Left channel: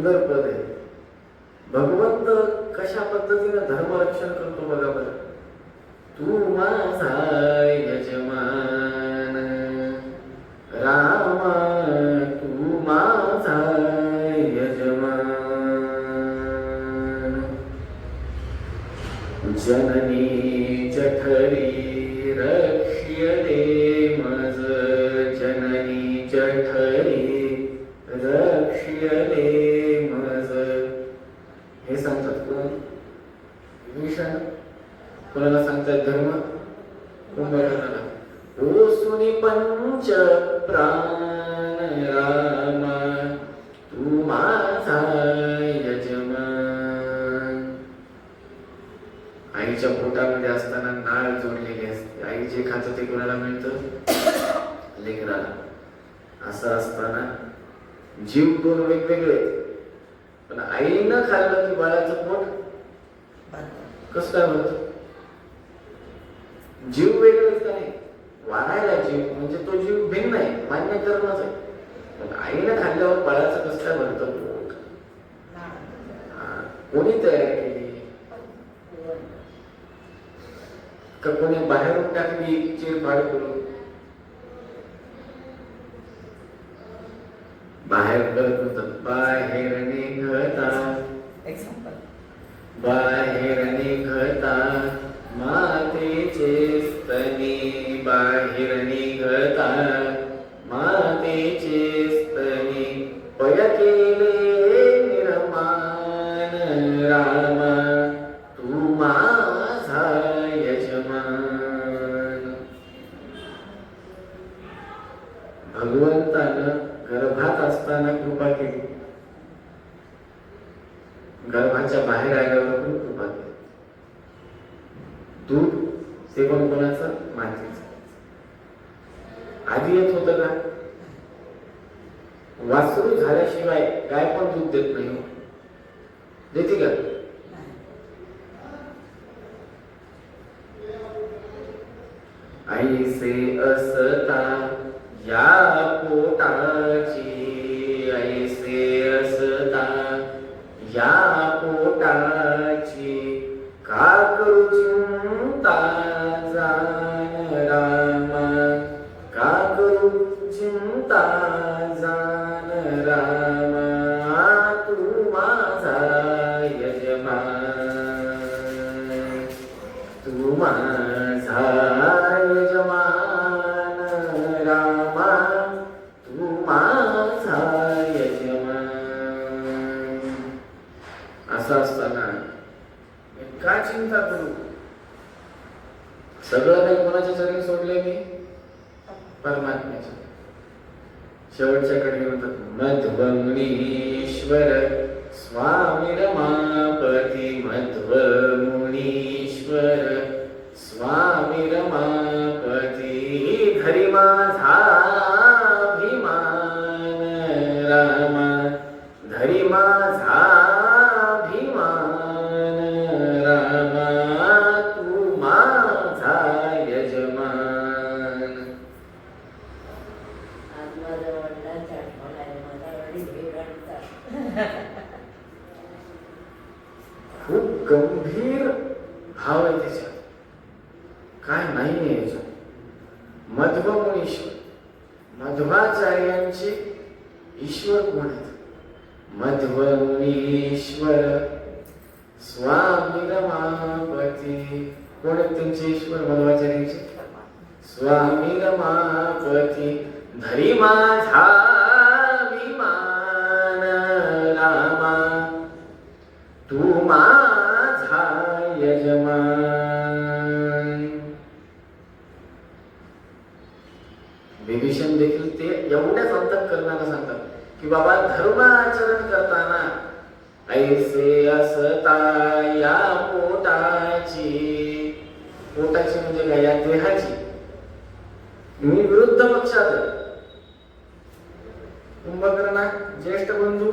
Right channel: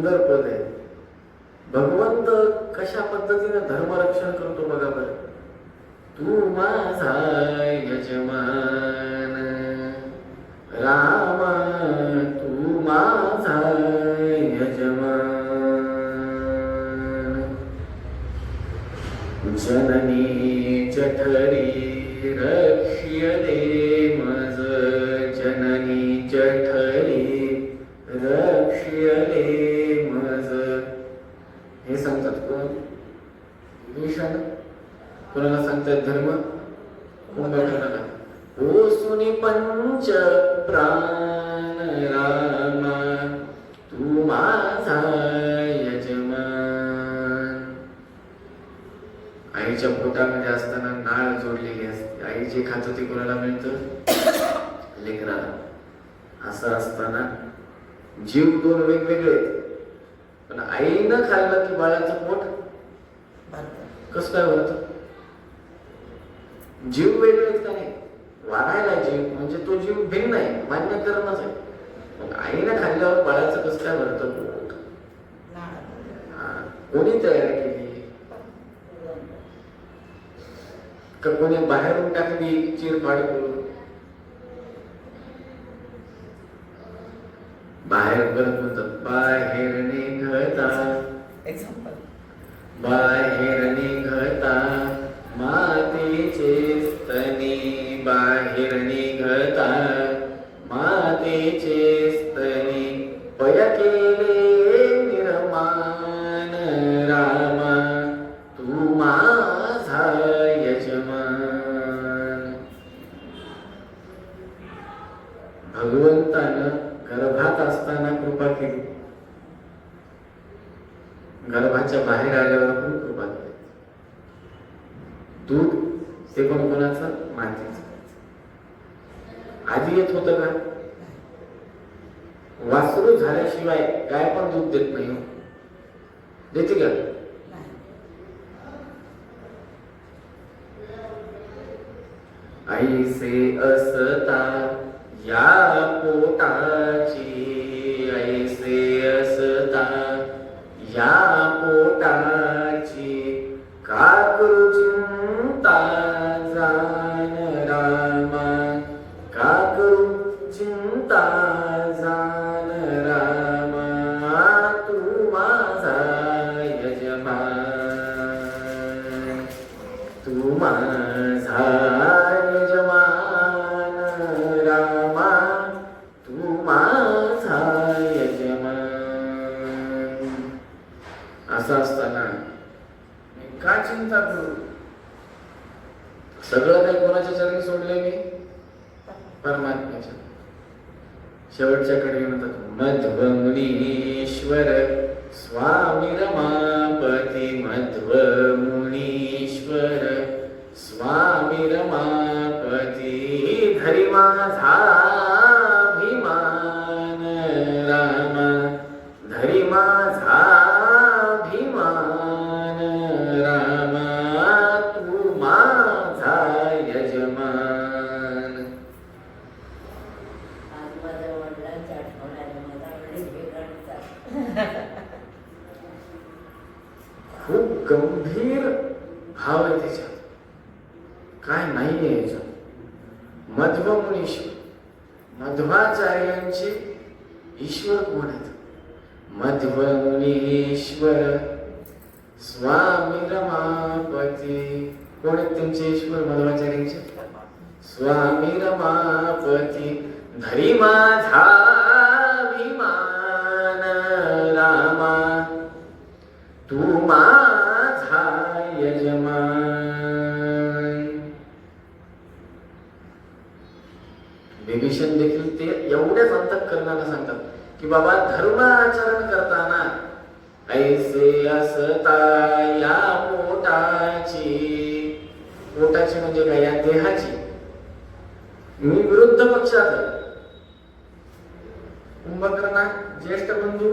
सुंदर पद आहे. भगवंत कशा पद्धतीने धर्मरक्षण करतो बघा बरं. तू माझा यजमान रामा, तू माझा यजमान. जननी जठरी रक्ष्यते मज, जननी जठरी रक्ष्यते मज. हे सांगतात कोण? विभीषण. कोणाला सांगतात धर्म? कुंभकर्णाला. ओ सुनी पंच प्राण रामा, तू माझा यजमान. आईच्या पोटामध्ये असताना नाळ जोडलेली असते. आई जे खातं ते कोणाला मिळतं? लेकराला. असं असताना जीव दोन वेगवेगळे, पण आईनं खाल्लं की बाळाचं पोट कसं काय होत? जीव वेगळेच का नाही? वाढायला जीव म्हणजे तो जीव भिन्न आहे, मान्य करणंच आहे. पण आईनं खाल्ल्यावर बाळाचं कसं काय भरतं पोट? कोणी तयार केली? का कोणी बाहेरून टाकली चिरफाड करून? बाहेर करत होतं. बाहेर निघता, बाहेर निघता मातेचे स्तनी, बाहेर निघता मातेचे स्तनी, पय केले निर्माण रामा, तू माझा यजमान. भगवंतानं गर्भात असताना कृपा केली, गर्भाच्या बाहेर आल्यावर पण कृपा केली. दूध ते पण कोणाचं? मातेचं. आधी येत होतं का? वासरू झाल्याशिवाय काय पण दूध देत नाही. देते का? ऐसे असता या पोटाची, ऐसे असता या पोटाची, का करू चिंता जान रामा, का करू चिंता जान रामा, तू माझा यजमान, तू माझा यजमान रामा, तू माझा यजमान. असं असताना का चिंता करू? सगळं काही कोणाच्या चरणी सोडलंय मी? परमात्म्याच्या. शेवटच्या कडे म्हणतात मध्वमुनीश्वर स्वामी रमापती, मध्वमुनीश्वर स्वामी रमापती, धरी माझा अभिमान रामा, धरी माझा अभिमान रामा, तू माझा यजमान. खूप गंभीर भाव आहे त्याच्यात, काय नाही याच्यात. मध्वमुनीश्वर, मध्वाचार्यांचे ईश्वर कोण आहेत? मध्वमुनीश्वर स्वामी रमापती. कोण आहेत त्यांचे ईश्वर मध्वाचार्यांचे? स्वामी रमापती, धरी माझा अभिमान रामा, तू माझा यजमान. विभीषण देखील ते एवढ्याच अंतःकरणाने सांगतात की बाबा धर्म आचरण करताना ऐसे असता या पोटाची, पोटाची म्हणजे काय? या देहाची. मी विरुद्ध पक्षात आहे. कुंभकर्णा ज्येष्ठ बंधू,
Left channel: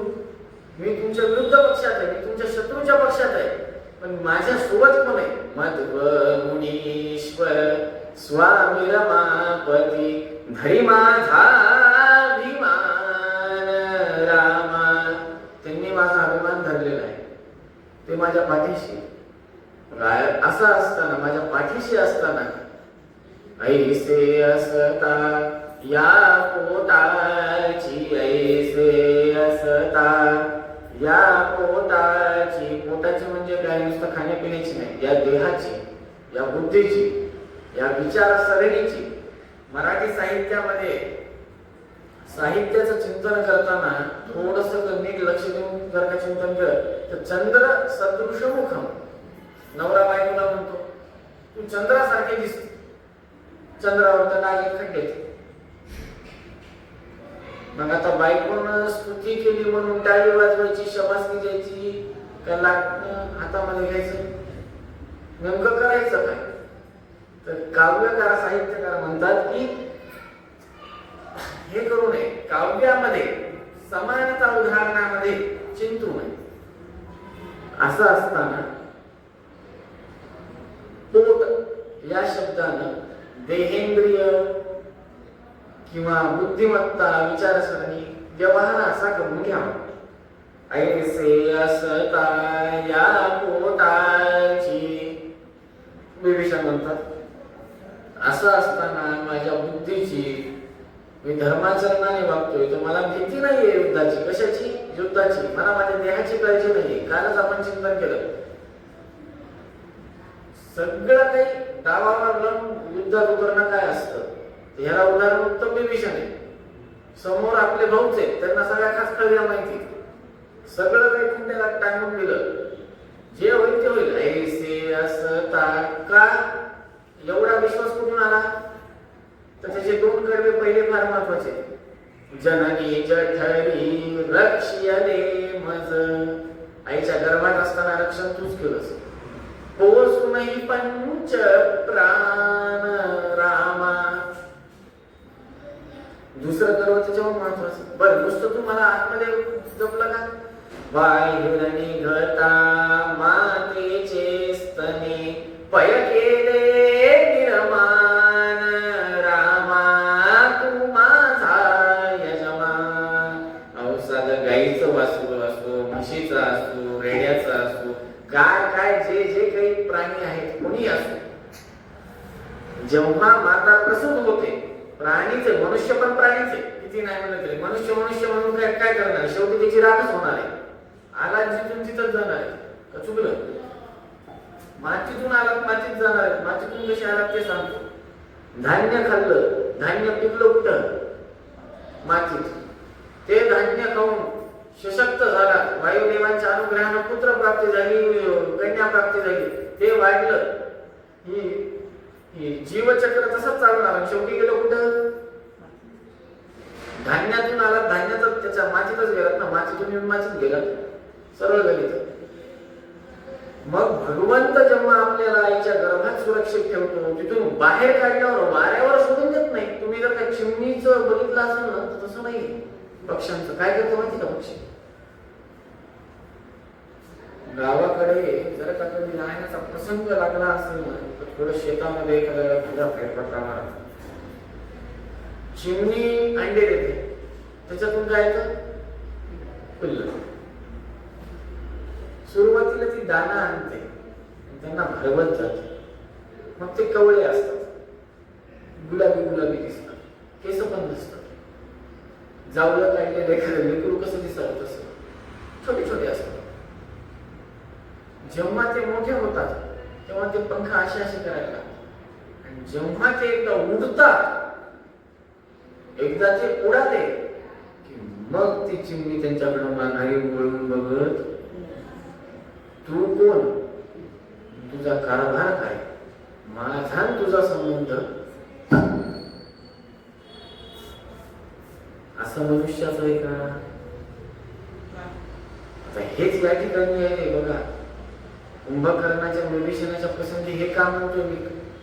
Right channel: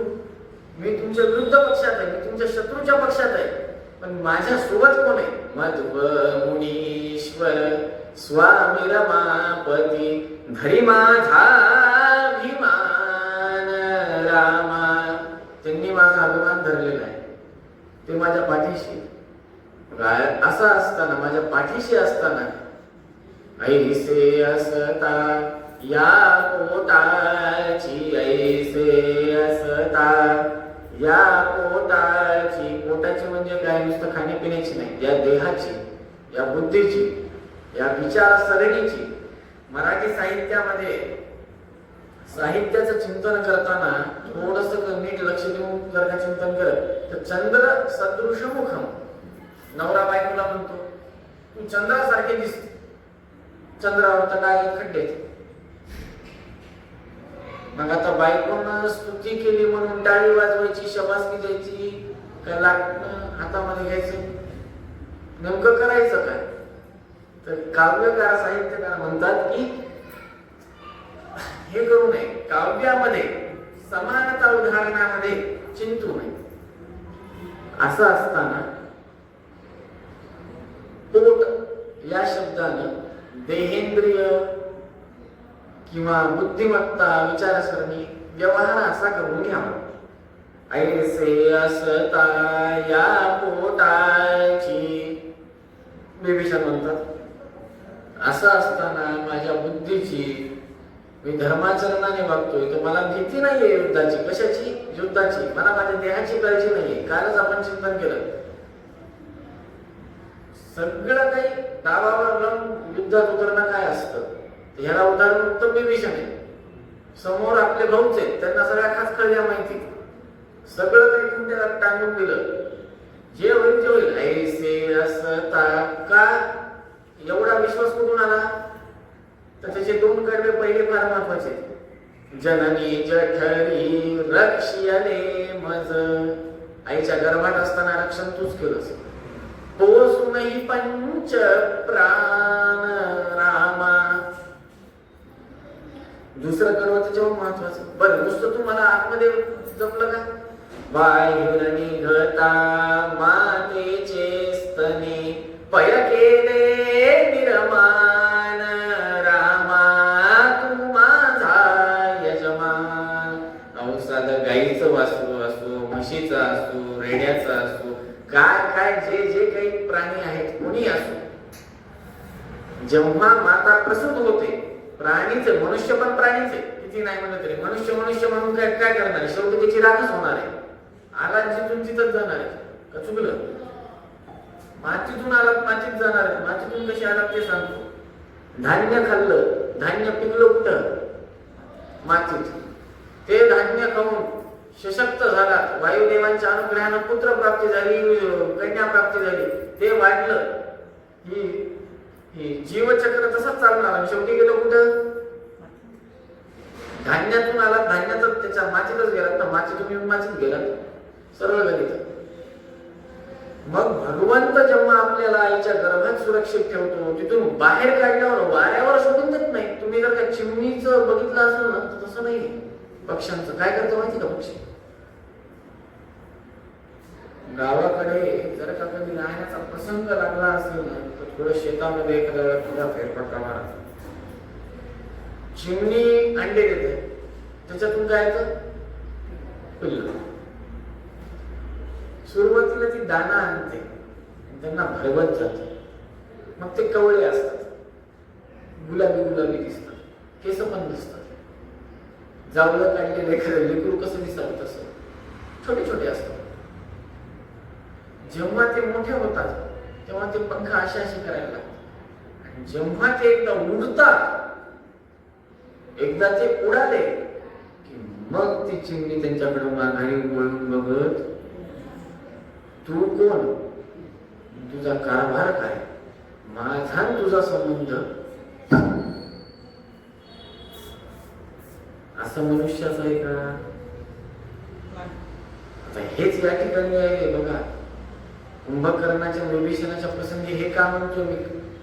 मी तुमच्या विरुद्ध पक्षात आहे, मी तुमच्या शत्रूच्या पक्षात आहे, पण माझ्या सोबत कोण आहे? मध्वमुनीश्वर स्वामी रमापती, धरी माझा अभिमान रामा, त्यांनी माझा अभिमान धरलेला आहे, ते माझ्या पाठीशी असं असताना, माझ्या पाठीशी असताना ऐसे असता या पोटाची, ऐसे असता या पोटाची, पोटाची म्हणजे काय, नुसतं खाण्यापिण्याची नाही, या देहाची, या बुद्धीची, या विचारसरणीची. मराठी साहित्यामध्ये साहित्याचं चिंतन करताना थोडस नीट लक्ष देऊन जर का चिंतन केलं तर चंद्र सदृश मुख, नवरा बायकोला म्हणतो तू चंद्रासारखे दिसते, चंद्रावर तर काय खड्डेत. मग आता बायकोनं स्तुती केली म्हणून टाळी वाजवायची, शबासकी द्यायची, काय लाटणं हातामध्ये घ्यायचं, नेमकं करायचं काय? तर काव्यकार साहित्यकार म्हणतात की हे करू नये, काव्यामध्ये समानता उदाहरणामध्ये चिंतू नये. असं असताना पोट या शब्दानं देहेंद्रिय किंवा बुद्धिमत्ता, विचारसरणी, व्यवहार असा करून घ्यावा. ऐसे असता या पोटाची, विभीषण म्हणतात असं असताना माझ्या बुद्धीची, मी धर्माचरणाने वागतोय तर मला भीती नाहीये युद्धाची. कशाची? युद्धाची. मला माझ्या देहाची काळजी नाहीये. कालच आपण चिंतन केलं, सगळं काही दावावर लावून युद्धात उतरणं काय असतं. ह्याला उदाहरण उत्तम विभीषण आहे. समोर आपले भाऊच आहेत, त्यांना सगळ्या खास कविया माहिती, सगळं काही कुंड्याला टांगून दिलं, जे होईल ते होईल. ऐसे असता का, एवढा विश्वास कुठून आला? तर त्याचे दोन कडवे पहिले फार महत्वाचे. जननी जठरी रक्षियले मज, आईच्या गर्भात असताना रक्षण तूच केलंस. पोसूनही पंच प्राण रामा, दुसरं कडवं त्याच्यावर महत्वाचं. बरं, नुसतं तुम्हाला आतमध्ये जपलं का? बाहेर निघता मातेचे स्तने पय केले निर्माण रामा, तू माझा यजमान. अहो साधं गाईचं वासरू असो, म्हशीचं असो, रेड्याचं असो, काय काय जे जे काही प्राणी आहेत, कोणी असो, जेव्हा माता प्रसूत होते, प्राणीचे, मनुष्य पण प्राणीचे, किती नाही म्हणत तरी मनुष्य मनुष्य म्हणून काय काय करणार? शेवटी त्याची राखच होणार आहे. आला जिथून तिथंच जाणार आहे का? चुकलं. मातीतून आलात मातीत जाणार आहे. मातीतून कशी आलात ते सांगतो. धान्य खाल्लं, धान्य पिकलं कुठं? मातीत. ते धान्य खाऊन सशक्त झाला, वायुदेवांच्या अनुग्रहाने पुत्र प्राप्ती झाली, कन्या प्राप्ती झाली, ते वाढलं. ही जीवचक्र तसंच चालणार. शेवटी गेलं कुठं? धान्यातून आला, धान्यातच त्याच्या मातीतच गेला ना, मातीतून मातीत गेला, सरळ गणित. मग भगवंत जेव्हा आपल्याला आईच्या गर्भात सुरक्षित ठेवतो, तिथून बाहेर काढल्यावर वाऱ्यावर सोडून देत नाही. तुम्ही जर त्या चिमणीचं बघितलं असेल ना, तर तसं नाही. पक्ष्यांचं काय करतो माहिती का? पक्षी गावाकडे जर का कधी राहण्याचा प्रसंग लागला असेल ना, तर थोडं शेतामध्ये थोडा फेरफटका मारा. चिमणी अंडे देते, त्याच्यातून काय येतं? पिल्लं. सुरुवातीला ती दाना आणते, त्यांना भरवत जाते. मग ते कवळे असतात, गुलाबी गुलाबी दिसतात, केस पण दिसतात. जावलं काढले लेकरू कसं दिसतात तसं छोटे छोटे असतात. जेव्हा ते मोठे होतात तेव्हा ते पंख अशी अशी करायला लागतात. आणि जेव्हा ते एकदा उडतात, एकदा ते उडाले की मग ती चिमणी त्यांच्याकडे माघारी वळून बघत, तू कोण, तुझा कारभार काय, माझा तुझा संबंध. असं मनुष्याचं आहे का? हेच या ठिकाणी आहे बघा. कुंभकर्णाच्या विभीषणाच्या प्रसंगी हे का म्हणतो मी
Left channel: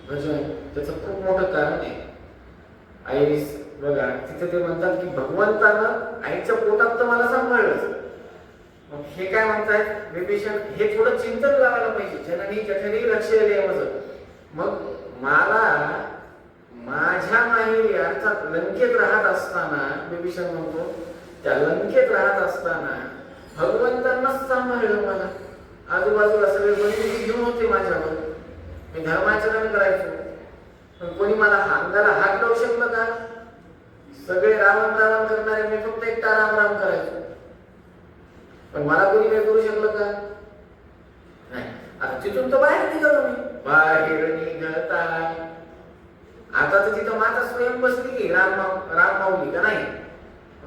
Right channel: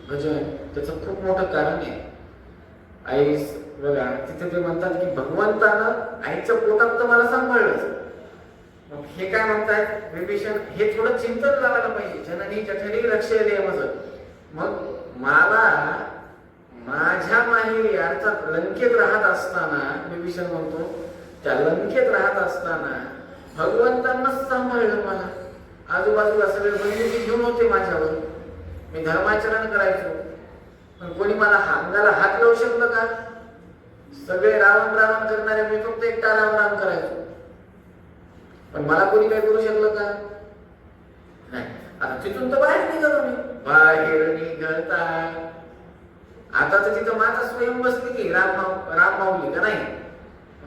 भजन, त्याचं खूप मोठं कारण आहे. आई बघा तिथे ते म्हणतात की भगवंतानं आईच्या पोटात तर मला सांभाळलं. मग हे काय म्हणतात विभीषण, हे थोडं चिंतन लावायला पाहिजे. जननी जठरी रक्षेले मज. मग मला माझ्या माहेरी अर्थात लंकेत राहत असताना, विभीषण म्हणतो त्या लंकेत राहत असताना भगवंतांनाच सांभाळलं मला. आजूबाजूला सगळे बंधूची घेऊन होते माझ्यावर. मी धर्माचरण करायचो, पण कोणी मला अंगाला हात लावू शकलं का? सगळे राम राम करणारे, मी फक्त एकटा राम राम करायचो. पण मला कोणी काही करू शकलं का? नाही. आता तिथून तर बाहेर निघालो मी. बाहेर निघता आता तर तिथं माता स्वयं बसली की राम माऊली का नाही?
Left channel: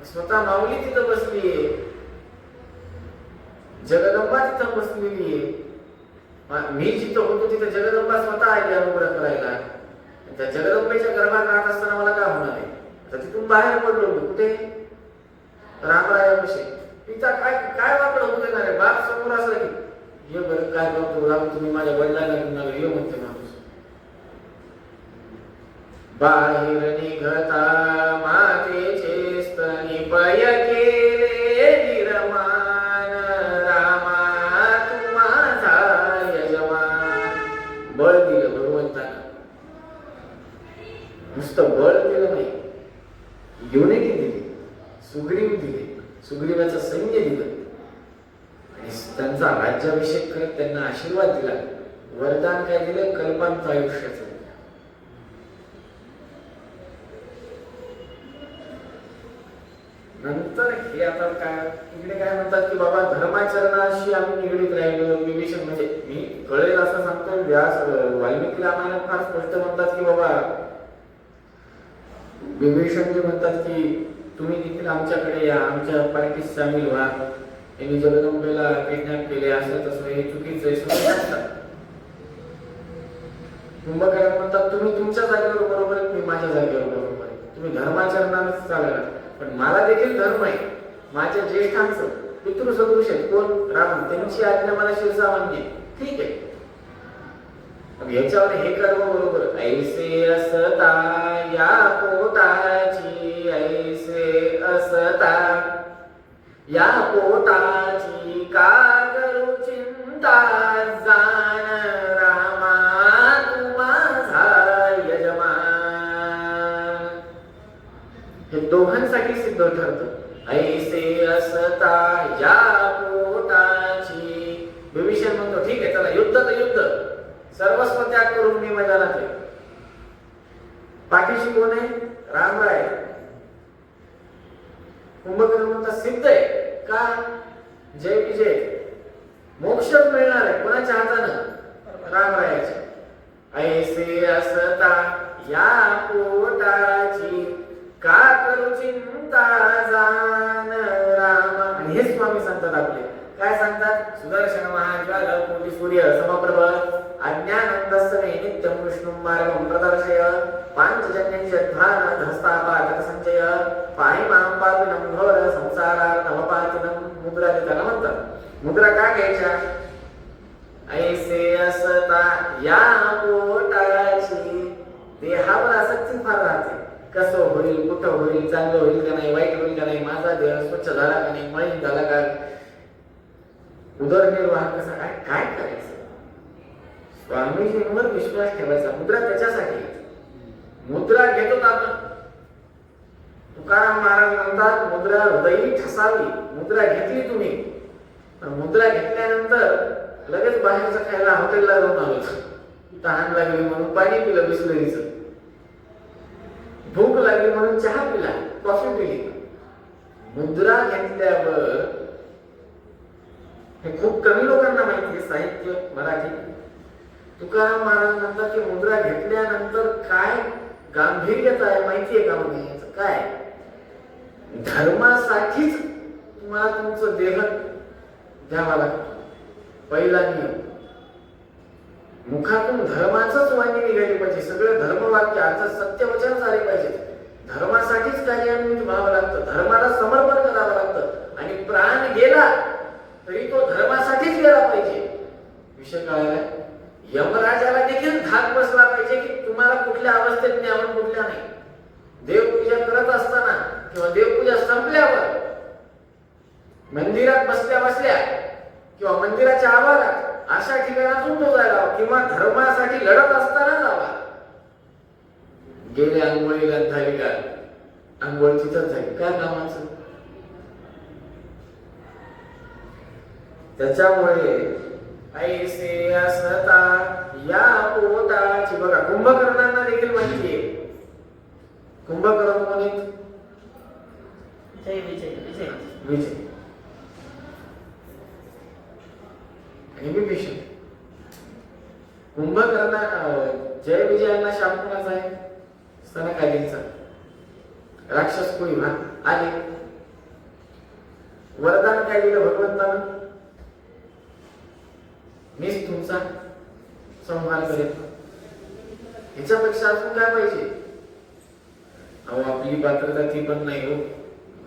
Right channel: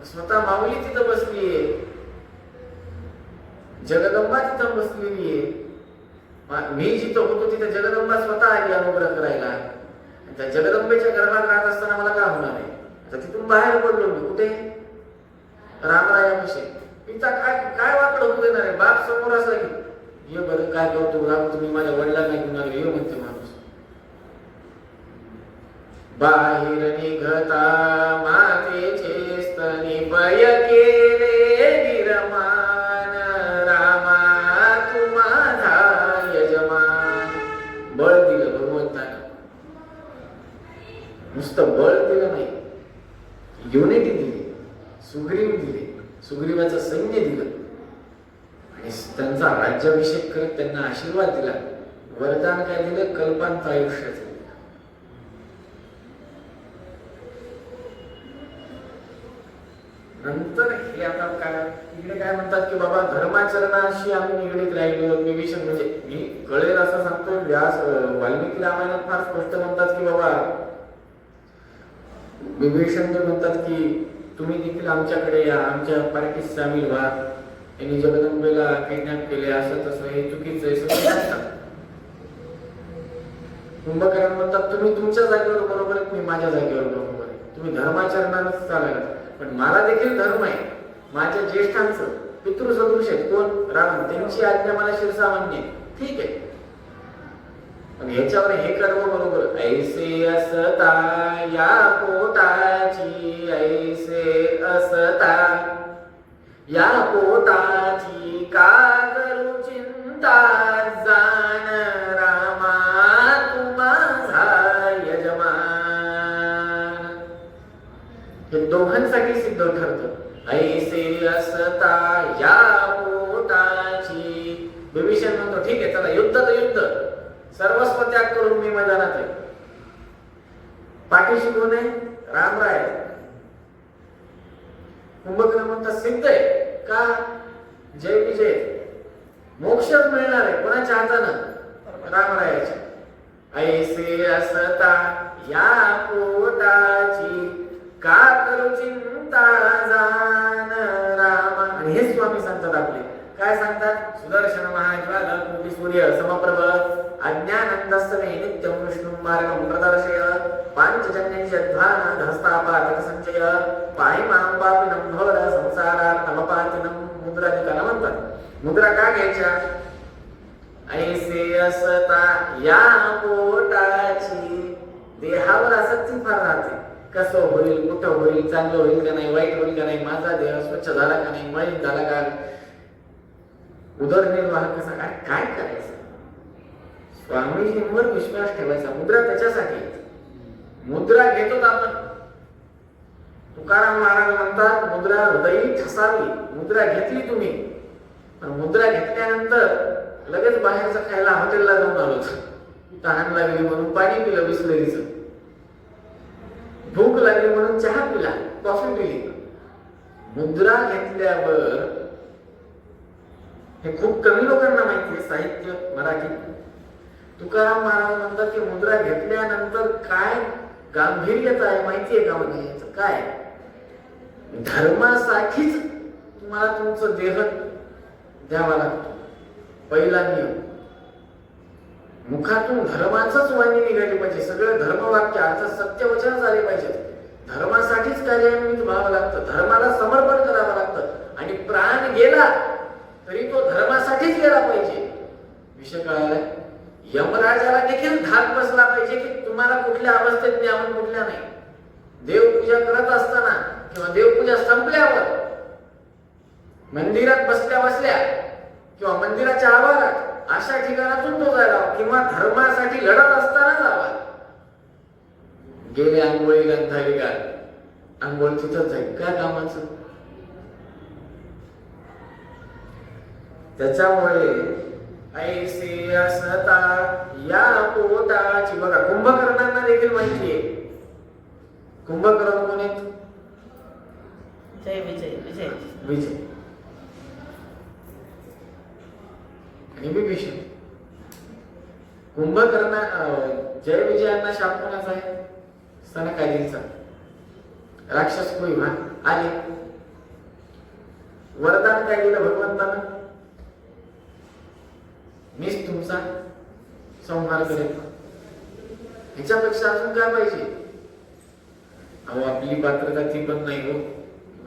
स्वतः माऊली तिथं बसलीये, जगदंबा तिथं बसलेली आहे. मी जिथं होतो तिथं जगदंबा स्वतः आली अनुग्रह करायला. त्या जगदंबेच्या गर्भात राहत असताना मला काय होणार आहे? तर तिथून बाहेर पडलो मी. कुठे? रामरायाविषयी. तिथं काय वाकडं होऊ देणार आहे? बाप समोर असला की ये बरं काय करतो राम, तुम्ही माझ्या वडिलांना घेऊन आले, ये म्हणते माणूस. बाहेर निघता मातेचे स्तनी पय केले निर्माण, रामा तू माझा यजमान. बळ दिलं भगवंताने. नुसतं बळ दिलं नाही, युनिटी दिली, सुग्रीव दिले, सुग्रीवाचं सैन्य दिलं आणि त्यांचा राज्याभिषेक करत त्यांना आशीर्वाद दिला. वरदान काय दिलं? कल्पांत आयुष्याचं. नंतर हे आता काय इकडे काय म्हणतात की बाबा धर्माचरणाशी आम्ही निगडीत राहिलो. विभीषण म्हणजे मी कळेल असं सांगतो. व्यास वाल्मिकीला आम्हाला फार स्पष्ट म्हणतात की बाबा विभीषण जे म्हणतात की तुम्ही देखील आमच्याकडे या, आमच्या पार्टीत सामील व्हा. यांनी जगदंबेला किडनॅप केले असं तसं, हे चुकीचं आहे. कुंभकर्ण म्हणतात तुम्ही तुमच्या जागेवर बरोबर आहे, तुम्ही माझ्या जागेवर बरोबर आहे, तुम्ही धर्माचरणालाच चालायला. पण मला देखील धर्म आहे. माझ्या ज्येष्ठांचं पितृसदृश आहेत. कोण? राम. त्यांची आज्ञा मला शिरसामान्य. ठीक आहे. पण याच्यावर हे कर्म बरोबर. ऐसे असता या पोटाची, ऐसे असता या पोटाची, का करू चिंता जाण, रामा तू माझा यजमान. हे दोघांसाठी सिद्ध ठरतं. ऐसे असता या पोटाची. विभीषण म्हणतो ठीक आहे चला युद्ध तर युद्ध, सर्वस्व त्याग करून मी माझ्या राहते. पाठीशी कोण आहे? रामराय. कुंभकर्ण म्हणतात सिद्ध आहे का? जय विजय, मोक्षच मिळणार आहे. कोणाच्या हातानं? रामरायाच्या. ऐसे असता या पोटाची, का करू चिंता जाण, रामा. हे स्वामी सांगतात आपले. काय सांगतात? सुदर्शन महाज्वाल कोटी सूर्य समप्रभ, अज्ञानंदस्सने नित्यं विष्णुं मार्गं प्रदर्शय, पांचजन्यनिषद्भान धस्तापादक संचय, पाहिमां पापिनं घोर संसारात् नवपातिनं. मुद्रा लिखायला म्हणतात. मुद्रा का घ्यायच्या? ऐसे असता या पोटाची. देहावर आसक्ती फार राहते. कसं होईल, कुठं होईल, चांगलं होईल का नाही, वाईट होईल का नाही, माझा देह स्वच्छ झाला का नाही, मलिन झाला का, उदरनिर्वाह कसा काय काय करायचं? स्वामीजींवर विश्वास ठेवायचा. मुद्रा त्याच्यासाठी. मुद्रा घेतो आपण. तुकाराम महाराज म्हणतात मुद्रा हृदयी ठसावी. मुद्रा घेतली तुम्ही, पण मुद्रा घेतल्यानंतर लगेच बाहेरचं खायला हॉटेलला जाऊन आलो, तहान लागली म्हणून पाणी पिलं बिस्लरीचं, भूक लागली म्हणून चहा पिला, कॉफी पिली. मुद्रा घेतल्यावर हे खूप कमी लोकांना माहिती आहे. साहित्य मराठी. तुकाराम महाराज म्हणतात की मुद्रा घेतल्यानंतर काय गांभीर्यता आहे माहितीये का? म्हणजे काय? धर्मासाठीच तुम्हाला तुमचं देह द्यावा लागतो. पहिला नियम. मुखातून धर्माचंच वाणी निघाली पाहिजे. सगळं धर्मवाक्य अर्थात सत्यवचन झाले पाहिजे. धर्मासाठीच कार्यान्वित व्हावं लागतं. धर्माला समर्पण करावं लागतं. आणि प्राण गेला तरी तो धर्मासाठीच गेला पाहिजे. विषय कळाला? यमराजाला देखील धाक बसला पाहिजे की तुम्हाला कुठल्या अवस्थेत न्यावं, कुठल्या नाही. देवपूजा करत असताना किंवा देवपूजा संपल्यावर मंदिरात बसल्या बसल्या किंवा मंदिराच्या आवारात अशा ठिकाणातून तो जायला, किंवा धर्मासाठी लढत असताना जावा. गेले आंघोळीला झाली का? आंघोळ तिथंच आहे. काय कामाचं? त्याच्यामुळे ऐसे असता या पोटाची, बघा कुंभकर्णांना देखील माहिती आहे. कुंभकर्ण कोण आहेत? विजय आणि विभीषण. कुंभकर्ण जय विजयांना शाप कोणाचा आहे? सनकादिंचा. राक्षस कुळी आले. वरदान काय दिलं भगवंतानं? मीच तुमचा संहार करेन. ह्याच्यापेक्षा अजून काय पाहिजे? अहो आपली पात्रता ती पण नाही हो.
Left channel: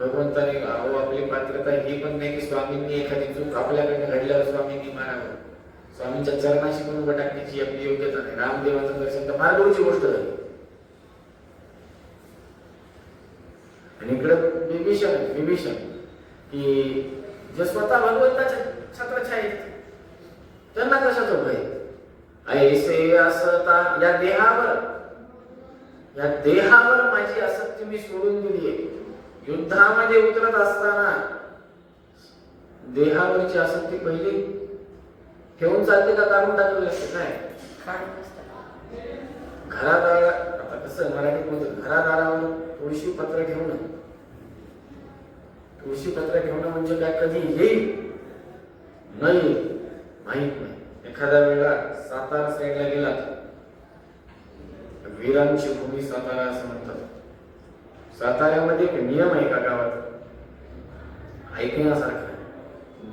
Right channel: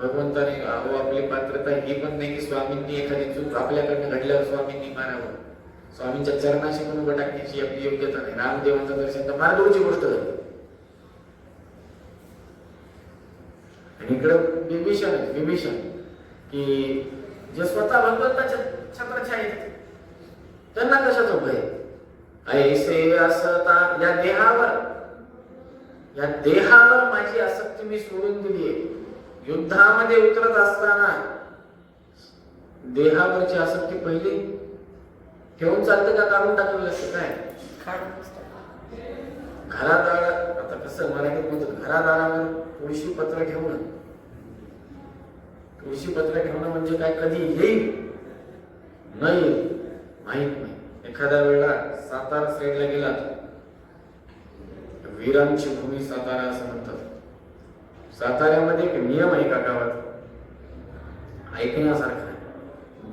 भगवंताने अहो आपली पात्रता ही पण नाही की स्वामींनी एखादी चूक आपल्याकडनं घडल्यावर स्वामींनी मारावं. स्वामींच्या चरणाशी पण उभं टाकण्याची आपली योग्यता नाही. रामदेवांचं दर्शन तर फार दूरची गोष्ट झाली. आणि इकडं विभीषण की जे स्वतः भगवंताच्या छत्राच्या आहेत, त्यांना कशाचं भय? ऐसे असता या देहावर माझी आसक्ती मी सोडून दिली आहे. युद्धामध्ये उतरत असताना देहावरची आसक्ती पहिली ठेवून चालते का काढून टाकलं असतं? काय घरात आता कसं मराठीत म्हणतो, घरात आल्यावर तुळशी पत्र ठेवणं. तुळशी पत्र ठेवणं म्हणजे काय? कधी येईल नाही माहित नाही. एखाद्या वेळा सातारा साईडला गेला, वीरांची भूमी सातारा असं म्हणतात. साताऱ्यामध्ये एक नियम आहे का गावात ऐकण्यासारखा?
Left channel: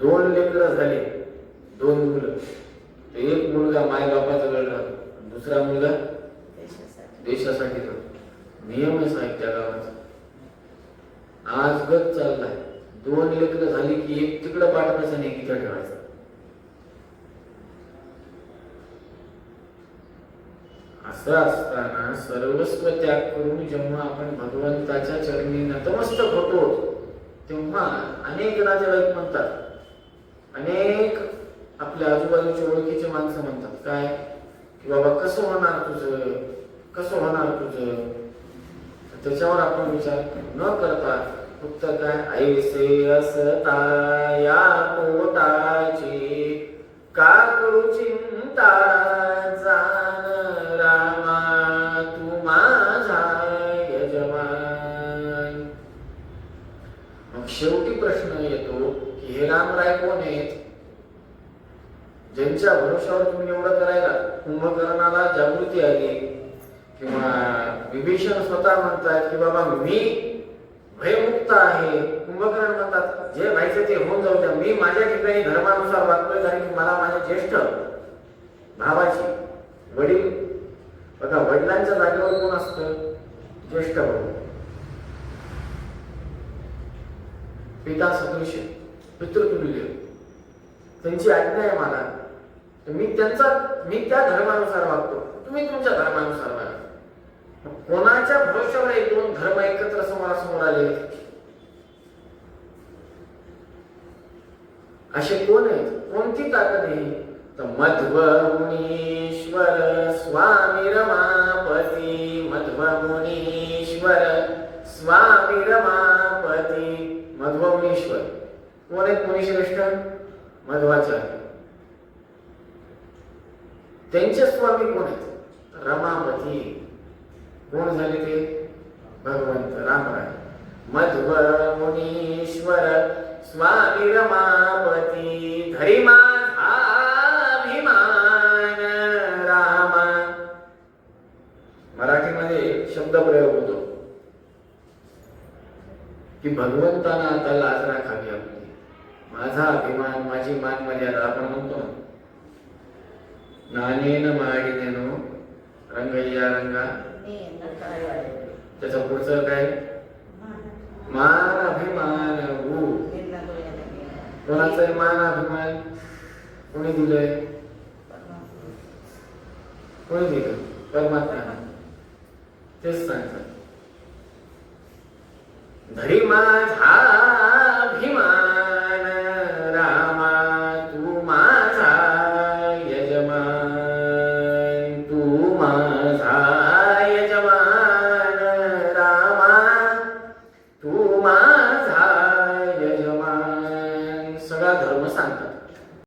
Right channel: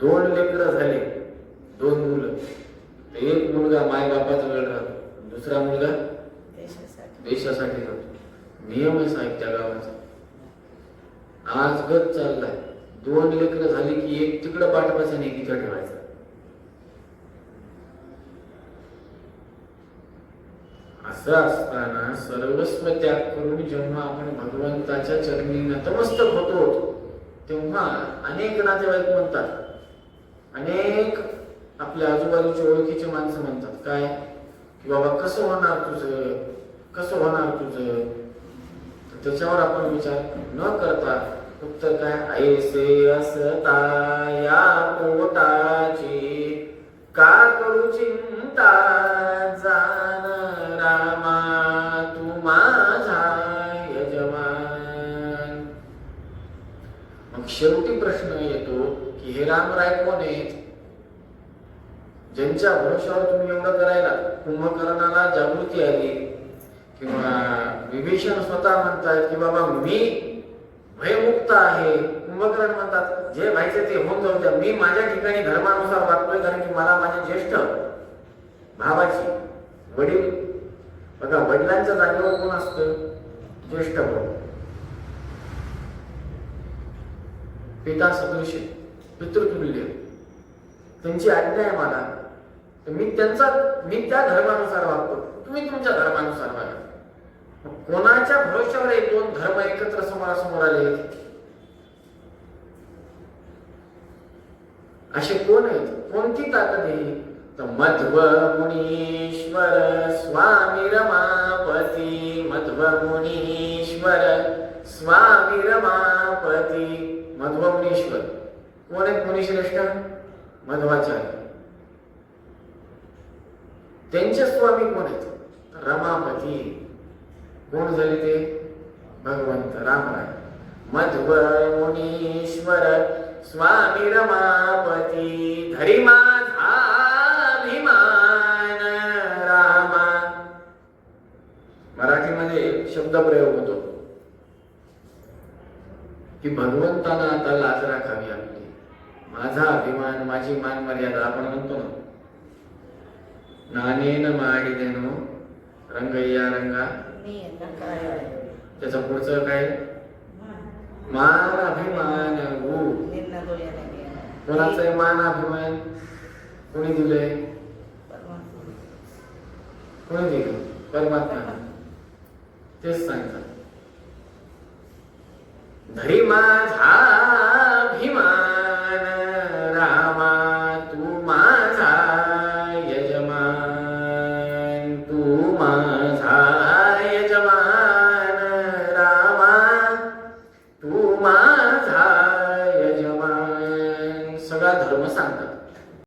2 लेकरं झाले, 2 मुलं, एक मुलगा माय बापाचा लढला, दुसरा मुलगा देशासाठी लढतो. नियमच आहे त्या गावाचा. आज गत चाललाय. 2 लेकरं झाली की एक तिकडं पाठवायचं नाही, तिकडं ठेवायचं. असं असताना सर्वस्व त्याग करून जेव्हा आपण भगवंताच्या चरणी नतमस्तक होतो, तेव्हा अनेक नातेवाईक म्हणतात, अनेक आपल्या आजूबाजूच्या ओळखीचे माणसं म्हणतात काय की बाबा कसं होणार तुझं. त्याच्यावर आपण विचार न करता उत्तर काय? ऐसे असता या पोटाची का करू चिंता, जाण रामा तू माझा यजमान. मग शेवटी प्रश्न येतो की हे रामराय कोण आहेत ज्यांच्या भरोशावर तुम्ही एवढं करायला? कुंभकर्णाला जागृती आली किंवा विभीषण स्वतः म्हणतात की बाबा मी भयमुक्त आहे. कुंभकर्ण म्हणतात जे व्हायचं ते होऊन जाऊ द्या, मी माझ्या ठिकाणी धर्मानुसार वागतोय, कारण की मला माझ्या ज्येष्ठ भावाची वडील, बघा वडिलांच्या जागेवर कोण असतं? ज्येष्ठ भाऊ. पिता सदृश, पितृतुल्य, त्यांची आज्ञा आहे मला, मी त्या धर्मानुसार वागतो, तुम्ही तुमच्या धर्मानुसार वागा. कोणाच्या भरोशावर 2 धर्म एकत्र समोरासमोर आले? असे कोण आहेत? कोणती ताकद आहे? तर मध्व मुनीश्वर स्वामी रमापती. मध्व मुनीश्वर स्वामी रमापती. मध्व मुनीश्वर कोण आहेत? मुनीश्रेष्ठ मध्वाचार्य. त्यांचे स्वामी कोण आहेत? रमापती. कोण झाले ते? भगवंत रामराय. मध्व मुनीश्वर स्वामी रमापती. धरी माझा अभिमान रामा. मराठीमध्ये शब्द प्रयोग होतो की भगवंताना आता लाज राखावी आपली. माझा अभिमान, माझी मान मर्यादा आपण म्हणतो ना. नानेन माडिदेनो रंगय्या रंगा. त्याचा पुढचं काय? मान अभिमान. कोणाचा मान अभिमान कोणी दिलंय? कोणी दिलं? परमात्मा. तेच सांगतात धरी माझा